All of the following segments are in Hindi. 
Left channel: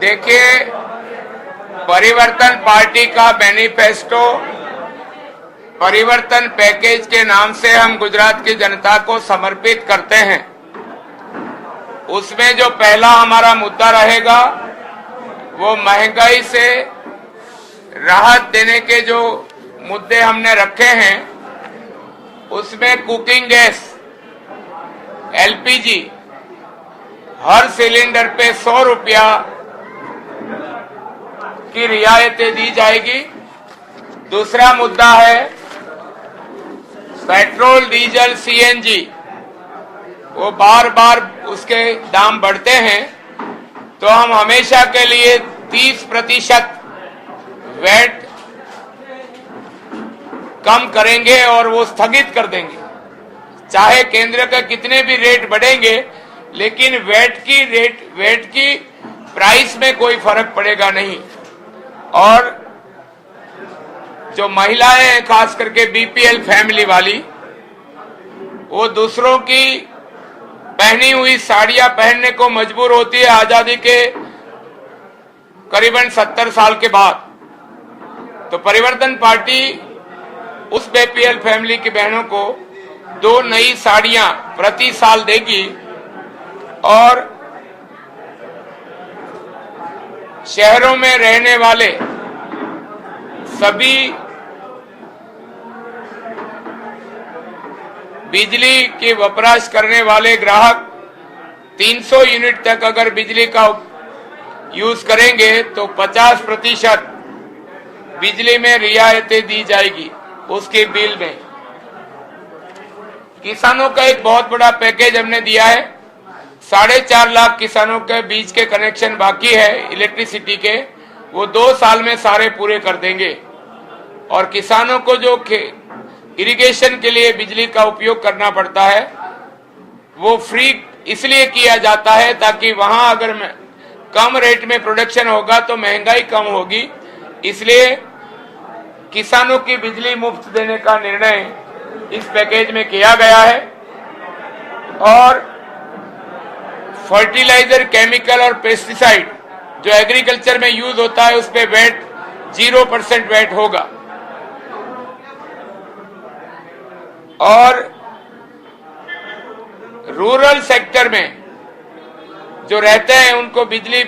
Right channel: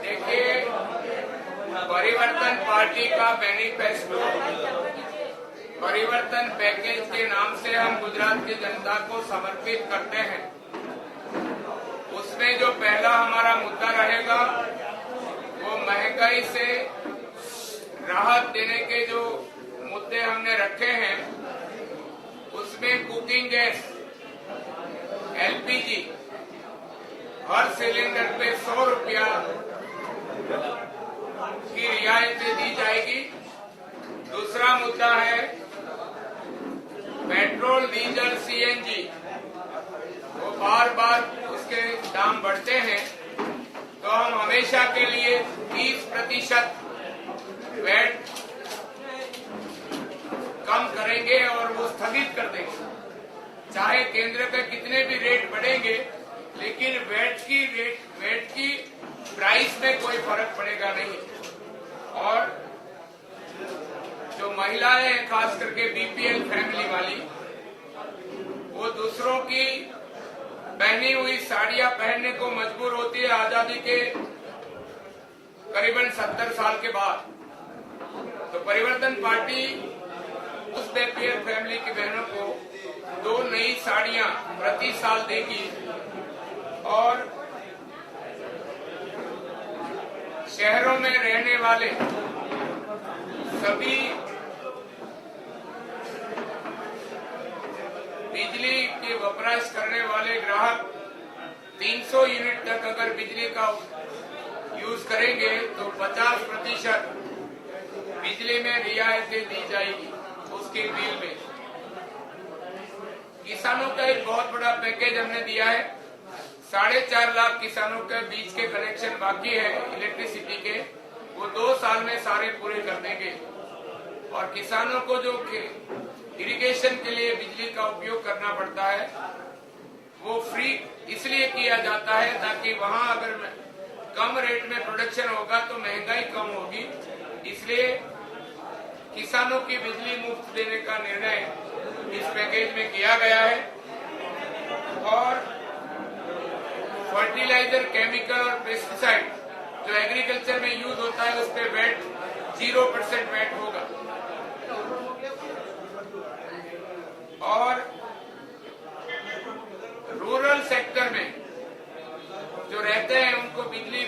देखिए, परिवर्तन पार्टी का मैनिफेस्टो परिवर्तन पैकेज के नाम से हम गुजरात की जनता को समर्पित करते हैं। उसमें जो पहला हमारा मुद्दा रहेगा वो महंगाई से राहत देने के जो मुद्दे हमने रखे हैं, उसमें कुकिंग गैस एलपीजी हर सिलेंडर पे 100 रुपया की रियायतें दी जाएगी। दूसरा मुद्दा है पेट्रोल, डीजल, सीएनजी, वो बार बार उसके दाम बढ़ते हैं, तो हम हमेशा के लिए 30% वैट कम करेंगे और वो स्थगित कर देंगे। चाहे केंद्र के कितने भी रेट बढ़ेंगे, लेकिन वैट की प्राइस में कोई फर्क पड़ेगा नहीं। और जो महिलाएं हैं, खास करके बीपीएल फैमिली वाली, वो दूसरों की पहनी हुई साड़ियां पहनने को मजबूर होती है आजादी के करीबन 70 साल के बाद। तो परिवर्तन पार्टी उस बीपीएल फैमिली की बहनों को 2 नई साड़ियां प्रति साल देगी और शहरों में रहने वाले सभी बिजली की वपराश करने वाले ग्राहक 300 यूनिट तक अगर बिजली का यूज करेंगे तो 50% बिजली में रियायतें दी जाएगी उसके बिल में। किसानों का एक बहुत बड़ा पैकेज हमने दिया है। 4.5 लाख किसानों के बीच के कनेक्शन बाकी है इलेक्ट्रिसिटी के, वो 2 साल में सारे पूरे कर देंगे। और किसानों को जो इरिगेशन के लिए बिजली का उपयोग करना पड़ता है, वो फ्री इसलिए किया जाता है ताकि वहां अगर कम रेट में प्रोडक्शन होगा तो महंगाई कम होगी। इसलिए किसानों की बिजली मुफ्त देने का निर्णय इस पैकेज में किया गया है। और फर्टिलाइजर, केमिकल और पेस्टिसाइड जो एग्रीकल्चर में यूज होता है, उस पे वैट 0% वैट होगा। और रूरल सेक्टर में जो रहते हैं उनको बिजली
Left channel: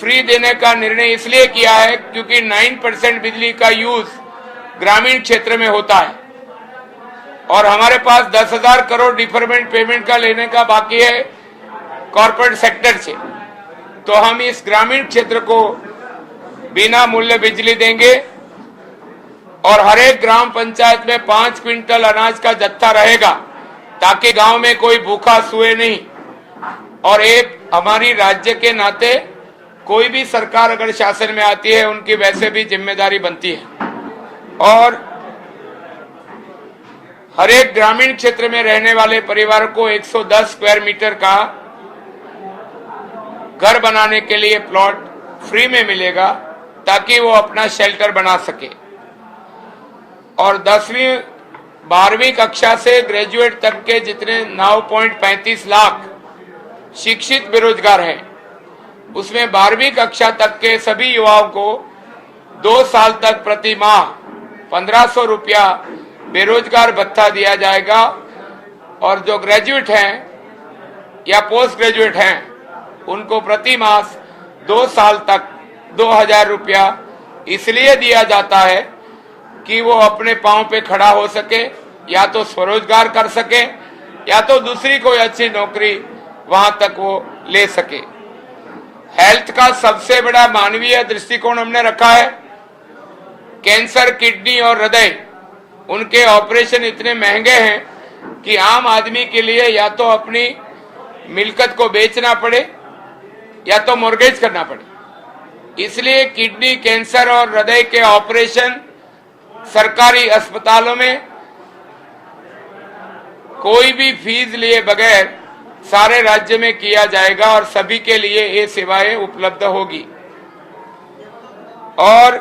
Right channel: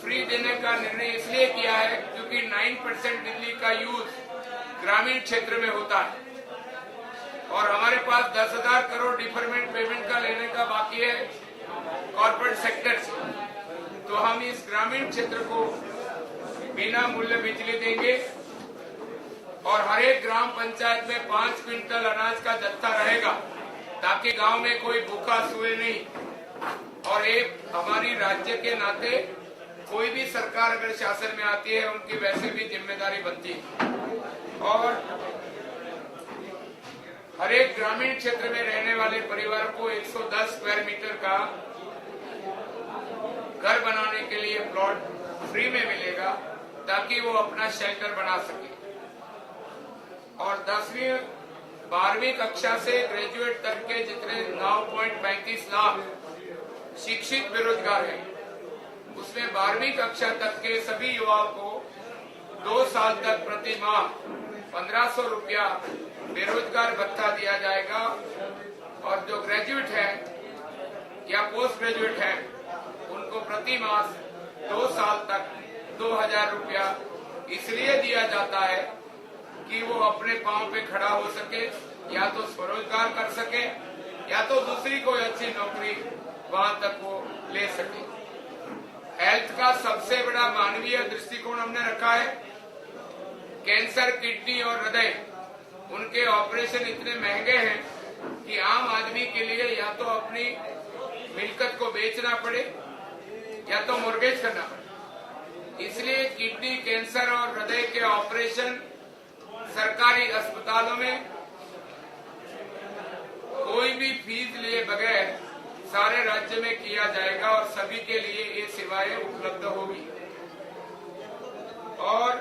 फ्री देने का निर्णय इसलिए किया है क्योंकि 9% बिजली का यूज ग्रामीण क्षेत्र में होता है और हमारे पास 10,000 करोड़ डिफरमेंट पेमेंट का लेने का बाकी है कॉर्पोरेट सेक्टर से। तो हम इस ग्रामीण क्षेत्र को बिना मूल्य बिजली देंगे और हर एक ग्राम पंचायत में 5 क्विंटल अनाज का जत्था रहेगा ताकि गांव में कोई भूखा सोए नहीं। और एक हमारी राज्य के नाते कोई भी सरकार अगर शासन में आती है, उनकी वैसे भी जिम्मेदारी बनती है। और हर एक ग्रामीण क्षेत्र में रहने वाले परिवार को 110 स्क्वायर मीटर का घर बनाने के लिए प्लॉट फ्री में मिलेगा ताकि वो अपना शेल्टर बना सके। और 10वीं 12वीं कक्षा से ग्रेजुएट तक के जितने 9.35 लाख शिक्षित बेरोजगार हैं, उसमें 12वीं कक्षा तक के सभी युवाओं को 2 साल तक प्रति माह 1500 रुपया बेरोजगार भत्ता दिया जाएगा। और जो ग्रेजुएट हैं या पोस्ट ग्रेजुएट हैं, उनको प्रति मास 2 साल तक 2000 रुपया इसलिए दिया जाता है कि वो अपने पांव पे खड़ा हो सके, या तो स्वरोजगार कर सके या तो दूसरी कोई अच्छी नौकरी वहां तक वो ले सके। हेल्थ का सबसे बड़ा मानवीय दृष्टिकोण हमने रखा है। कैंसर, किडनी और हृदय, उनके ऑपरेशन इतने महंगे हैं कि आम आदमी के लिए या तो अपनी मिल्कत को बेचना पड़े या तो मॉर्गेज करना पड़े। इसलिए किडनी, कैंसर और हृदय के ऑपरेशन सरकारी अस्पतालों में कोई भी फीस लिए बगैर सारे राज्य में किया जाएगा और सभी के लिए ये सेवाएं उपलब्ध होगी। और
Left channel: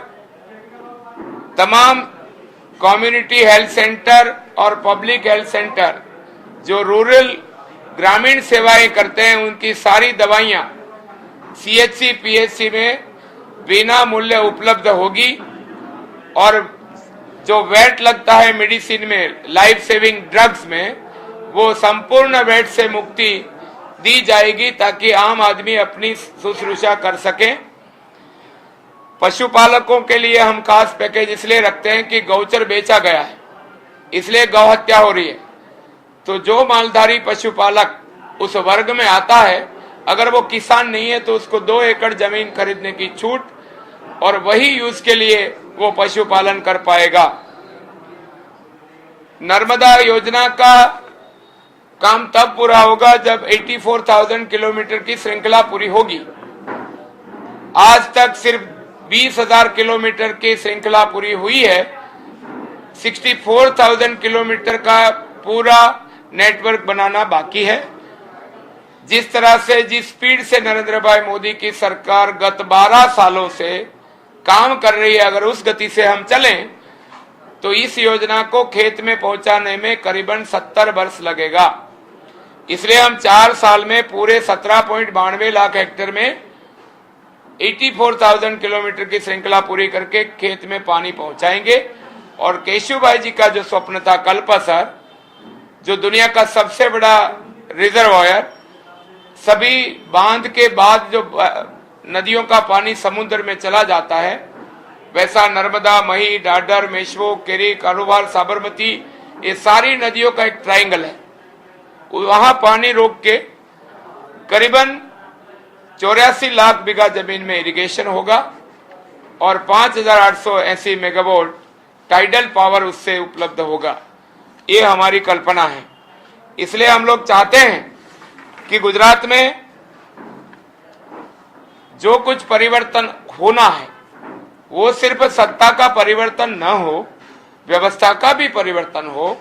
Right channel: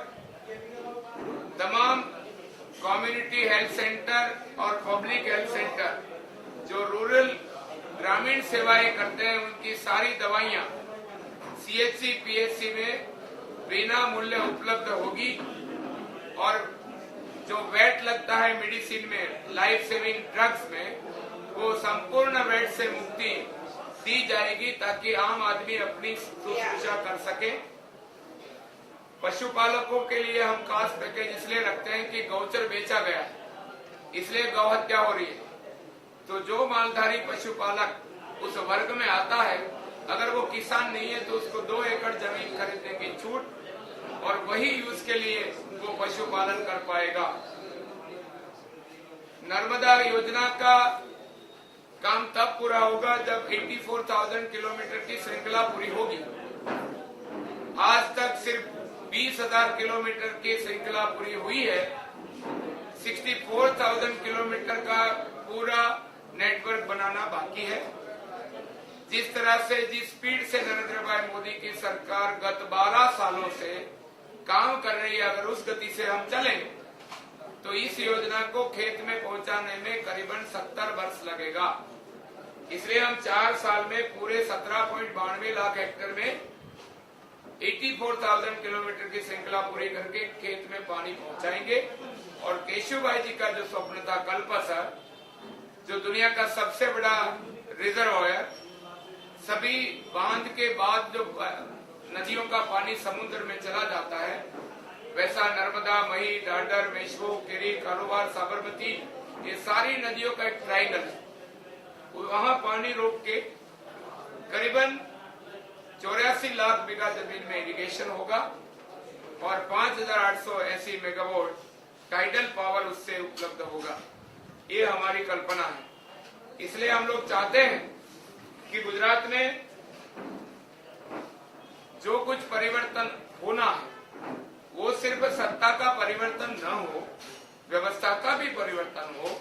तमाम कम्युनिटी हेल्थ सेंटर और पब्लिक हेल्थ सेंटर जो रूरल ग्रामीण सेवाएं करते हैं, उनकी सारी दवाइयां सीएचसी पीएचसी में बिना मूल्य उपलब्ध होगी और जो वैट लगता है मेडिसिन में, लाइफ सेविंग ड्रग्स में, वो संपूर्ण वैट से मुक्ति दी जाएगी ताकि आम आदमी अपनी शुश्रूषा कर सके। पशुपालकों के लिए हम खास पैकेज इसलिए रखते हैं कि गौचर बेचा गया है, इसलिए गौ हत्या हो रही है। तो जो मालधारी पशुपालक उस वर्ग में आता है, अगर वो किसान नहीं है तो उसको 2 एकड़ जमीन खरीदने की छूट और वही यूज के लिए वो पशुपालन कर पाएगा। नर्मदा योजना का काम तब पूरा होगा जब 84,000 किलोमीटर की श्रृंखला पूरी होगी। आज तक सिर्फ 20,000 किलोमीटर की श्रृंखला पूरी हुई है। 64,000 किलोमीटर का पूरा नेटवर्क बनाना बाकी है। जिस तरह से, जिस स्पीड से नरेंद्र भाई मोदी की सरकार गत 12 सालों से काम कर रही है, अगर उस गति से हम चलें तो इस योजना को खेत में पहुंचाने में करीबन 70 वर्ष लगेगा। इसलिए हम 4 साल में पूरे 17.92 लाख हेक्टेयर में 84,000 किलोमीटर की श्रृंखला पूरी करके खेत में पानी पहुंचाएंगे। और केशुभाई जी का जो स्वप्न था कल्पसर, जो दुनिया का सबसे बड़ा रिजर्वायर, सभी बांध के बाद जो नदियों का पानी समुद्र में चला जाता है, वैसा नर्मदा, मही, डाडर, मेश्वो, केरी, कारोबार, साबरमती, ये सारी नदियों का एक ट्रायंगल है। वहां पानी रोक के करीबन 84 लाख बीघा जमीन में इरिगेशन होगा और 5,880 मेगावाट टाइडल पावर उससे उपलब्ध होगा। ये हमारी कल्पना है। इसलिए हम लोग चाहते हैं कि गुजरात में जो कुछ परिवर्तन होना है वो सिर्फ सत्ता का परिवर्तन न हो, व्यवस्था का भी परिवर्तन हो,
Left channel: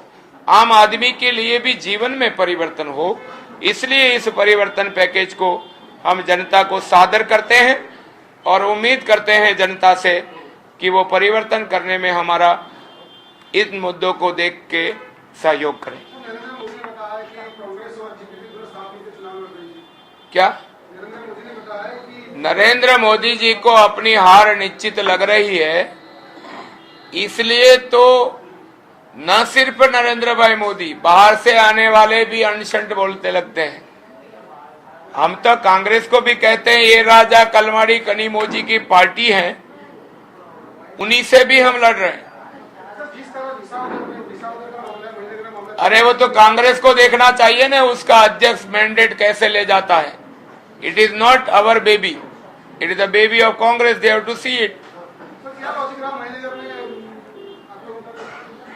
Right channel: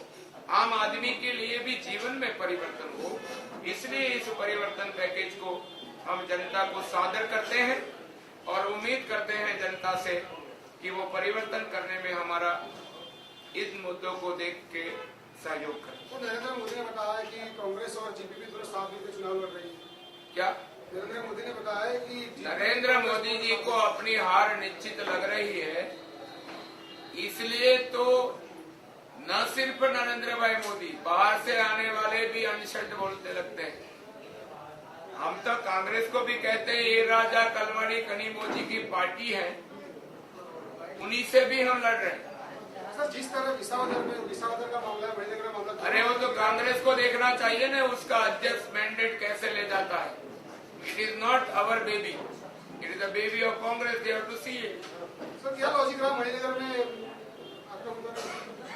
आम आदमी के लिए भी जीवन में परिवर्तन हो। इसलिए इस परिवर्तन पैकेज को हम जनता को सादर करते हैं और उम्मीद करते हैं जनता से कि वो परिवर्तन करने में हमारा इन मुद्दों को देख के सहयोग करें। क्या नरेंद्र मोदी जी को अपनी हार निश्चित लग रही है, इसलिए तो न सिर्फ नरेंद्र भाई मोदी, बाहर से आने वाले भी अनशंट बोलते लगते हैं। हम तो कांग्रेस को भी कहते हैं ये राजा कलमाड़ी कनीमोजी की पार्टी है, उन्हीं से भी हम लड़ रहे हैं। अरे वो तो कांग्रेस को देखना चाहिए ना, उसका अध्यक्ष मैंडेट कैसे ले जाता है। It is not our baby, it is the baby of Congress, they have to see it.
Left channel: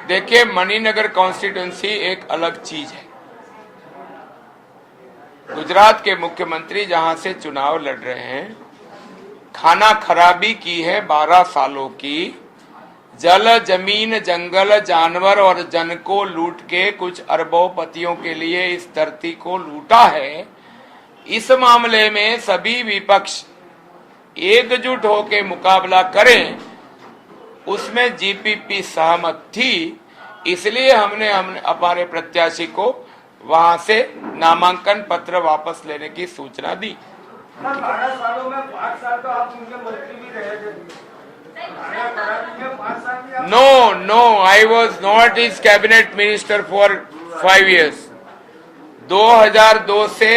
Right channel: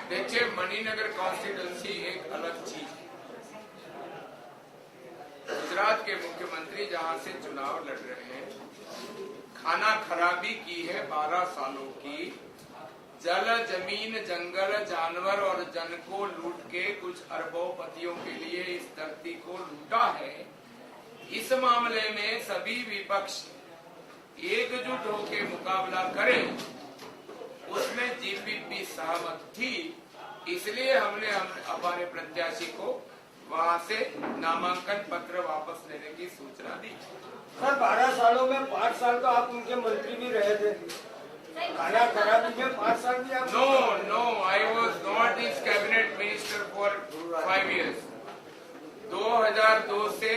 देखिए, मणिनगर कॉन्स्टिट्यूंसी एक अलग चीज है। गुजरात के मुख्यमंत्री जहां से चुनाव लड़ रहे हैं, खाना खराबी की है 12 सालों की, जल, जमीन, जंगल, जानवर और जन को लूट के कुछ अरबोपतियों के लिए इस धरती को लूटा है। इस मामले में सभी विपक्ष एकजुट होकर मुकाबला करें, उसमें जीपीपी सहमत थी। इसलिए हमने हमारे प्रत्याशी को वहां से नामांकन पत्र वापस लेने की सूचना दी। 12 सालों में 5 साल तो आप उनके मंत्री भी रहे थे। No, I was not his cabinet minister for 5 years. 2002 से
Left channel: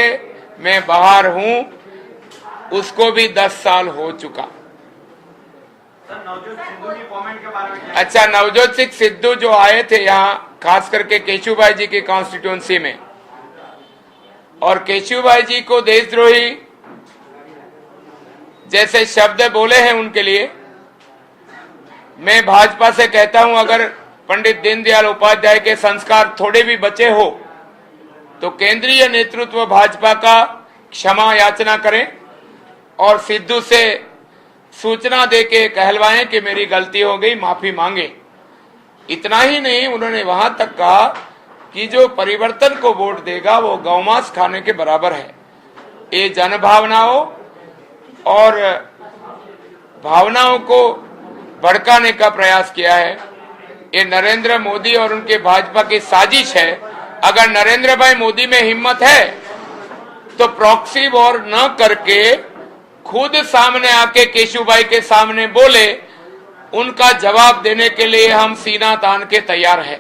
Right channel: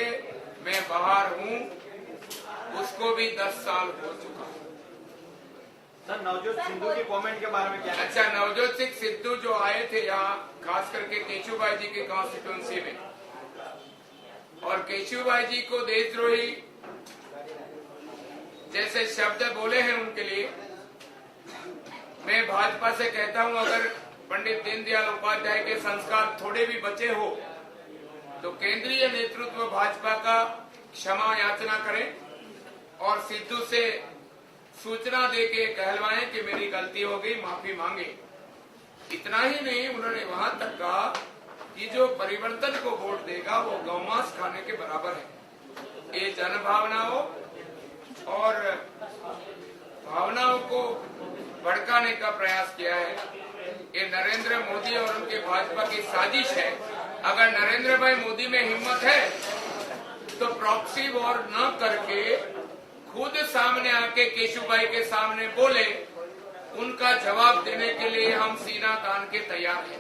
मैं बाहर हूं, उसको भी 10 साल हो चुका। नवजोत सिद्धू की कमेंट के बारे में क्या? अच्छा, नवजोत सिंह सिद्धू जो आए थे यहाँ, खास करके केशुभाई जी की कॉन्स्टिट्यूंसी में, और केशुभाई जी को देशद्रोही जैसे शब्द बोले हैं उनके लिए, मैं भाजपा से कहता हूं अगर पंडित दीनदयाल उपाध्याय के संस्कार थोड़े भी बचे हो तो केंद्रीय नेतृत्व भाजपा का क्षमा याचना करें और सिद्धू से सूचना देके कहलवाएं कि मेरी गलती हो गई, माफी मांगे। इतना ही नहीं, उन्होंने वहां तक कहा कि जो परिवर्तन को वोट देगा वो गौमांस खाने के बराबर है। ये जन भावनाओं और भावनाओं को भड़काने का प्रयास किया है। ये नरेंद्र मोदी और उनके भाजपा की साजिश है। अगर नरेंद्र भाई मोदी में हिम्मत है तो प्रॉक्सी वॉर न करके खुद सामने आके केशुभाई के सामने बोले, उनका जवाब देने के लिए हम सीना तान के तैयार हैं।